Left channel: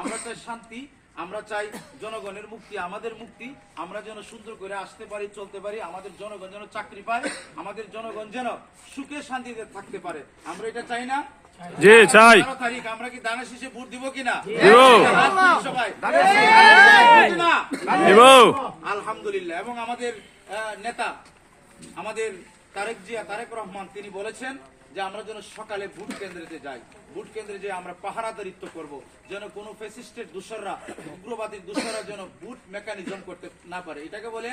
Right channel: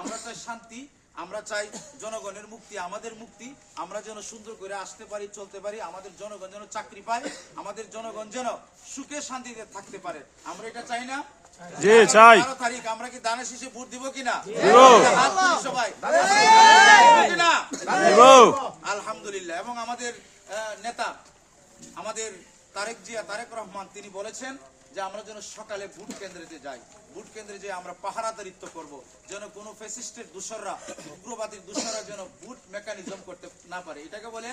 আমরা চাই শান্তি, আমরা চাই জনগণের মুক্তি, আমাদের মুক্তি, আমরা যেন সুন্দর করে আসতে পারি, চলতে পারি, আমাদের জনগণ যেন চাকরি পায়, আমাদের জনগণ যেন সুখে শান্তিতে থাকতে পারে। আমরা এটা চাই না? জি চাই। 12 তারিখ আমরা কি দানের শীষে ভোট দিব কিনা? সবাই আলহামদুলিল্লাহ। এবং আমাদের নেতা, আমাদের তারেক রহমান, তিনি বলেছেন যে আমরা যেন সকালে ভোট কেন্দ্রেতে যাই, ভোট কেন্দ্রে যে আমরা পাহারাদারিত্ব করব, যেন কোনো ফ্যাসিস্টের দোসররা, উগ্রবাদীর দোসররা যেন ভোট মেকানিজম করতে না পারে। এটাকে বলে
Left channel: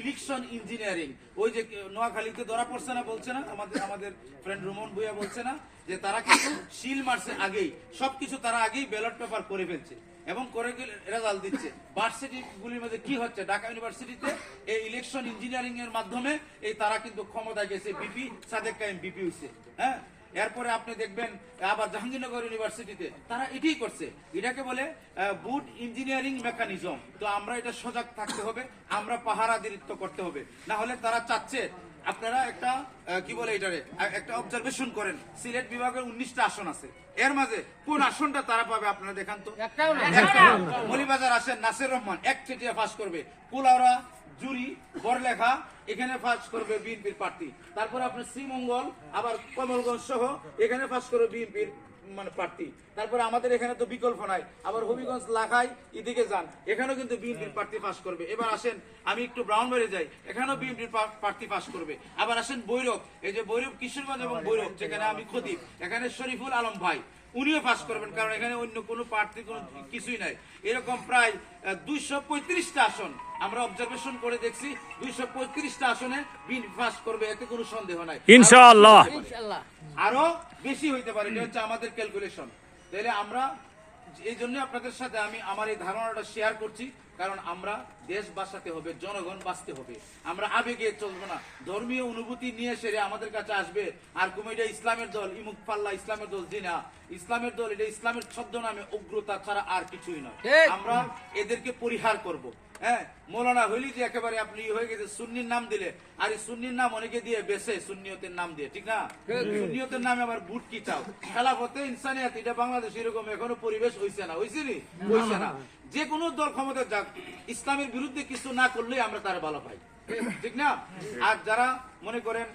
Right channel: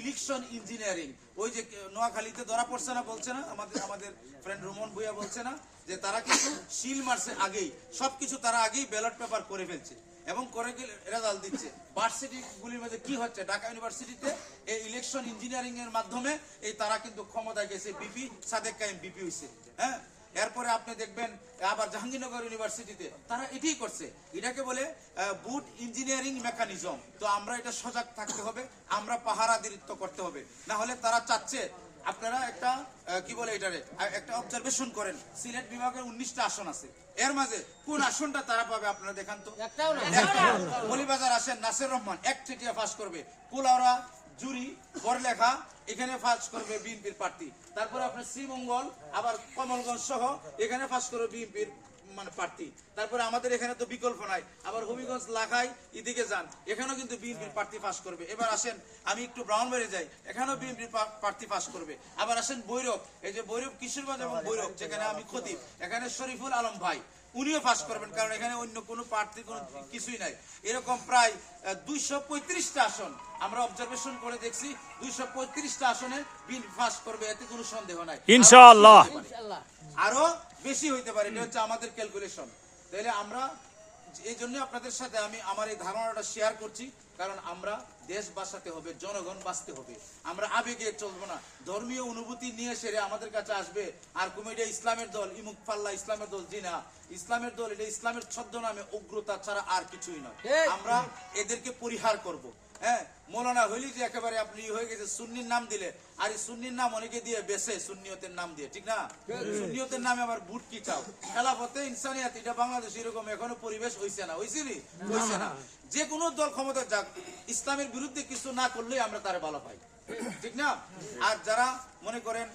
ইলেকশন ইঞ্জিনিয়ারিং। ওই যে নোয়াখালীতে ধরা পড়ছে না, বলছে না আমাদের ফ্রেন্ড রোমন ভুইয়া বলছে না যে তারা কিন্তু শিল মারছে আগেই, সবকিছু তারা আগেই ব্যালট পেপার করে ফেলছে এবং করে রেজাল্ট দিচ্ছে। ভার্সিটি গুলির মধ্যে কি হচ্ছে, ঢাকা ইউনিভার্সিটিতে এই ইলেকশন ইঞ্জিনিয়ারিং এর মাধ্যমে এই তারা কিন্তু ক্ষমতায় গেছে, বিপি সাদেক কায়েম বিপি হইছে। হ্যাঁ, এরপরে আপনি দেখবেন আবার জাহাঙ্গীরনগর ইউনিভার্সিটিতে তারা এটাই করছে। এটাকে বলে বুট ইঞ্জিনিয়ারিং মেকানিজম। তো আমরা এটা সজাগ থাকতে হবে, আমরা পাহারাদারিত্ব করতে হবে, না হলে তারা চাচ্ছে। আপনারা একটা কি বলে এটারে একটা অবজারভেশন করেন, সিলেট বিভাগের 19টা আসন আছে, এর মাঝে কোন আসনটা তারা পাবে আপনারা দেখান তো। মলিবাজার আসেন নাসির রহমান এক চিঠিয়া পাস করবে, কুলাউড়া জুরি বড়লেখা এখানে পাস করবে বিএনপির প্রার্থী। তারপর আপনার শ্রীমঙ্গল আবার কমলগঞ্জ সহ এখানে পাস করবে বিএনপির মানে প্রার্থী। তারপরে আমাদের এখানে তো বিকল্প নাই, আবার হবিগঞ্জ লাখাই এদিকে যান, এখানেও কিন্তু বিএনপির প্রার্থী পাস করবে। এবার আসেন আমি একটু ব্রাউনবাড়ি যাই, এখানেও বিএনপির প্রার্থী পাস করবে। আবার আসেন বৈরব, এই যে বৈরব কিশোরগঞ্জ এবং বৈরব যেখানে আমি খতিব, এখানে শরীফুল আলম ভাই উনিও পাস করবেন, কারণ এখানে অন্য কোনো প্রার্থী কোনো কিছুই নাই। এরকম প্রায় 235টা আসন আমরা অবজারভেশন করে দেখছি, 235টা আসনে বিএনপি পাস করবে, এতে কোনো সন্দেহ নাই ইনশাআল্লাহ। আরো বেশি হইতে পারে, এটা হচ্ছে আমাদের ক্যালকুলেশন। তাহলে আমরা এই জন্য আপনাদের সাথে আমি আমার এই ধারণাটা শেয়ার করছি, কারণ আমরা দেশ বাঁচাতে হবে, জনগণ বাঁচতে হবে। আমরা আবেগে চলবো না, ধর্মীয় অনুভূতি নিয়ে সেরে আমাদের কাছে আসবে আর কোন এটা ইসলামের দল, ইমুক পাল্লা ইসলামের দল, জি না, ইসলামের দল এটা ইসলামের ছদ্মনামে উগ্রতা ছাড়া আর কিছুই নয়। আমরা এদেরকে পরিহার করব। হ্যাঁ, মৌলানা হইলি যে একেবারে আপনি হয়ে গেছে সুন্নির নাম দিলে, আর এই সুন্নির নাম অনেকে দিয়ে বেছে সুন্নিয়তের নাম দিয়ে, ঠিক না? সুন্নিয়তের নামে আবার বুট কি চাও, খেলাফতে ইনসানিয়াত, এটা বাংলাদেশ এরকম এখনো পরিবেশ হইছে না, হইছে নি, হইছে না। যে কোনো দল ক্ষমতা যাক, ইসলামের বিরুদ্ধে কিছু না করলেই আমরা তারা ভালো পাই, ঠিক না? আর যারা মনে করেন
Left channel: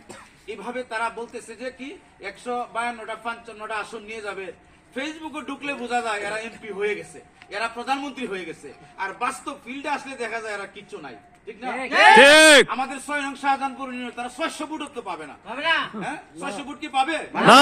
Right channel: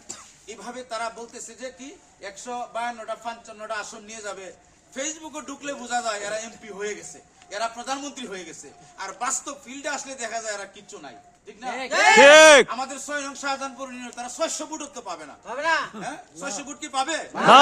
এইভাবে তারা বলতেছে যে কি 152টা 55টা আসন নিয়ে যাবে, ফেসবুকে ঢুকলে বোঝা যায় এরা এমপি হয়ে গেছে, এরা প্রধানমন্ত্রী হয়ে গেছে, আর বাস্তব ফিল্ডে আসলে দেখা যায় এরা কিচ্ছু নাই, ঠিক না? আমাদের 6 নং শাহজাহানপুর ইউনিয়ন তারা 600 ভোট তো পাবে না, হ্যাঁ 600 ভোট কি পাবে না?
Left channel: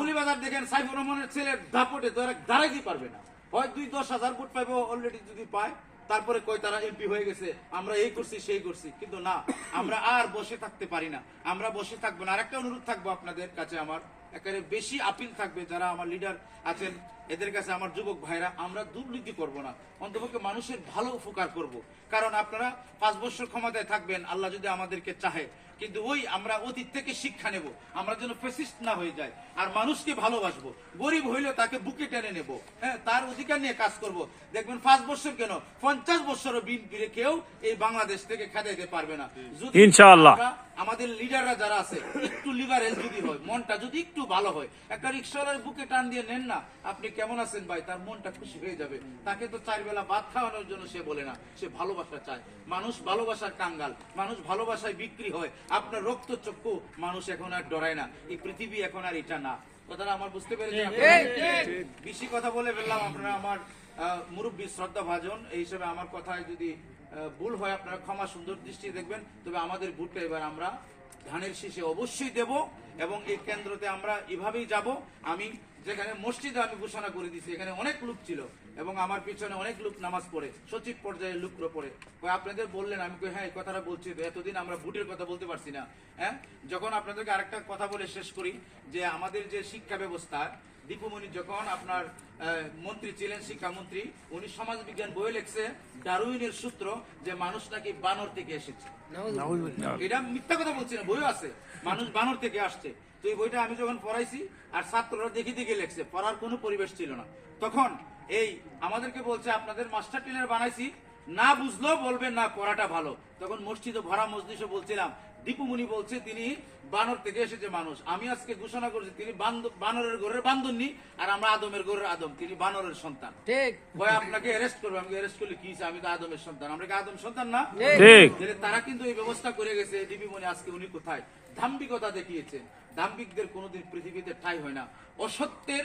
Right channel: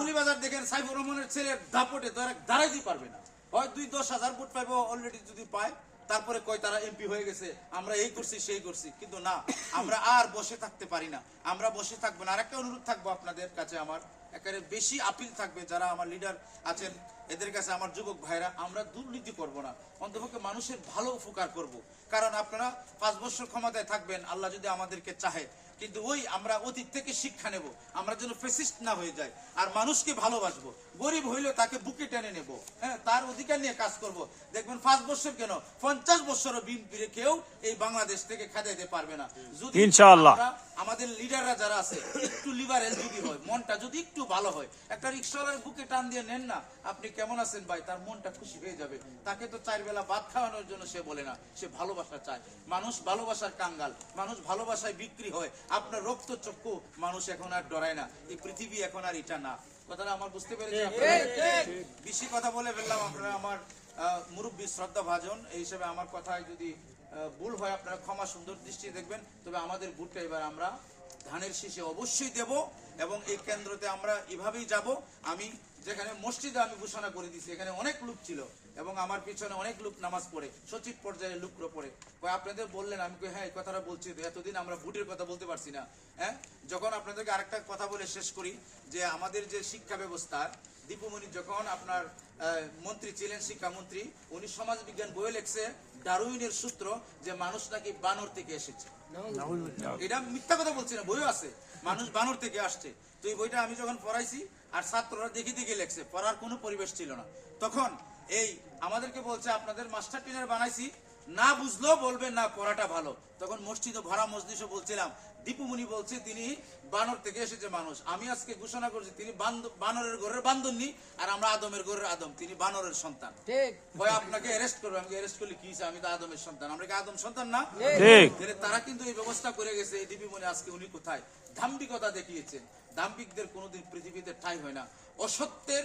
মুলিবাজার দেখেন সাইফুর রহমানের ছেলের দাপটে তো এরা দাঁড়াইতে পারবে না, হয় 2-10,000 ভোট পাইবে অলরেডি, যদি পায় তারপরে কয় তারা এমপি হয়ে গেছে, আমরা এই করছি সেই করছি। কিন্তু না, আমরা আর বসে থাকতে পারি না, আমরা বসে থাকবো না। আরেকটা অনুরোধ থাকবো আপনাদের কাছে, আমার একেবারে বেশি আপিল থাকবে, যারা আমার লিডার আছেন এদের কাছে, আমার যুবক ভাইরা, আমরা দুর্নীতি করব না, অন্তপক্ষে মানুষের ভালো উপকার করব। কারণ আপনারা 5 বছর ক্ষমতায় থাকবেন আল্লাহ যদি আমাদেরকে চাহে, কিন্তু ওই আমরা অতীত থেকে শিক্ষা নেব, আমরা যেন ফ্যাসিস্ট না হয়ে যায়, আর মানুষকে ভালোবাসবো, গরিব হইলে তাকে বুকে টেনে নেব, হ্যাঁ তার অধিকার নিয়ে কাজ করব। দেখবেন 5 বছর কেন 50 বছরও বিএনপিরে কেউ এই বাংলাদেশ থেকে খেদাইতে পারবে না, যদি ইনশাআল্লাহ আমাদের লিডাররা যারা আছে একটু লিবারেল যদি হয়, মনটা যদি একটু ভালো হয়, একটা রিক্সাওয়ালার বুকে টান দিয়ে নেন না, আপনি কেমন আছেন ভাই, তার মনটা খুশি হয়ে যাবে। তাকে তো 4 বেলা ভাত খাওয়ানোর জন্য সে বলে না, সে ভালোবাসা চায়। মানুষ ভালোবাসার কাঙ্গাল, মানুষ ভালোবাসায় বিক্রি হয়। আপনার রক্ত চক্ষু মানুষ এখন আর ডরায় না, এই পৃথিবী এখন আর এটা না। কথাটা আমার বুঝতে পেরেছেন? বেশি কথা বলে ফেললাম, আপনারা আমার মুরব্বী শ্রদ্ধা ভাজন, এই হিসেবে আমার কথায় যদি ভুল হয় আপনারা ক্ষমা সুন্দর দৃষ্টি দেখবেন। তবে আমাদের ভোটটা এবার আমরা ধানের শীষে অবশ্যই দেব, এবং এই কেন্দ্রতে আমরা এভাবেই যাব। আমি যেখানে মসজিদে আমি ঘোষণা করে দিছি, এখানে অনেক লোক ছিল এবং আমার পিছনে অনেক লোক নামাজ পড়ে, সচিব পর্যায়ের লোকরা পড়ে। আপনাদের বললেন, আমি হ্যাঁ এই কথাটা বলছি, তো এতদিন আমরা ভোটের কথা বলতে পারছি না। হ্যাঁ, যখন আপনাদেরকে আরেকটা কথা বলে শেষ করি, যে আমাদের যে শিক্ষা ব্যবস্থা, দীপুমণি যখন আপনার মন্ত্রী ছিলেন, শিক্ষামন্ত্রী, উনি সমাজ বিজ্ঞান বই লিখছে ডারউইনের সূত্র, যে মানুষ নাকি বানর থেকে এসেছে। এটা মিথ্যা কথা বলছি না, বইও আছে, মানুষ বানর থেকে আসছে। তো এই বইটা আমি যখন পড়াইছি আর ছাত্ররা দেখে দেখে লেখছে, পড়ার কোনো পরিবেশ ছিল না, তখন এই আমাদেরকে বলছে আপনাদের মাস্টার ট্রেনার বানাইছি, না বুঝলেও বলবেন না পড়াটা ভালো। তখন মসজিদে ভরা মসজিদে বলছিলাম দীপুমণি বলছে তিনি বানর থেকে এসেছে মানুষ। আমি আজকে ঘোষণা করছি তিনি বানরের ঘরের বান্দরনি, আর আমরা আদমের ঘরের আদম, তিনি বানরের সন্তান। ঠিক ভয় আপনাকে অ্যারেস্ট করবে, আমাকে অ্যারেস্ট করলে কি হইছে? আমি তো আদমের সন্তান, আমরা কি আদম সন্তান না? ঠিক। তাহলে তারা কিন্তু এই ব্যবস্থা করে গেছে। দীপিমণি আজকে উনি কোথায়? দাম্ভিকতা দেখিয়েছেন। দাম্ভিকদের কোনোদিন পৃথিবীতে ঠাঁই হয় না। অসত্যের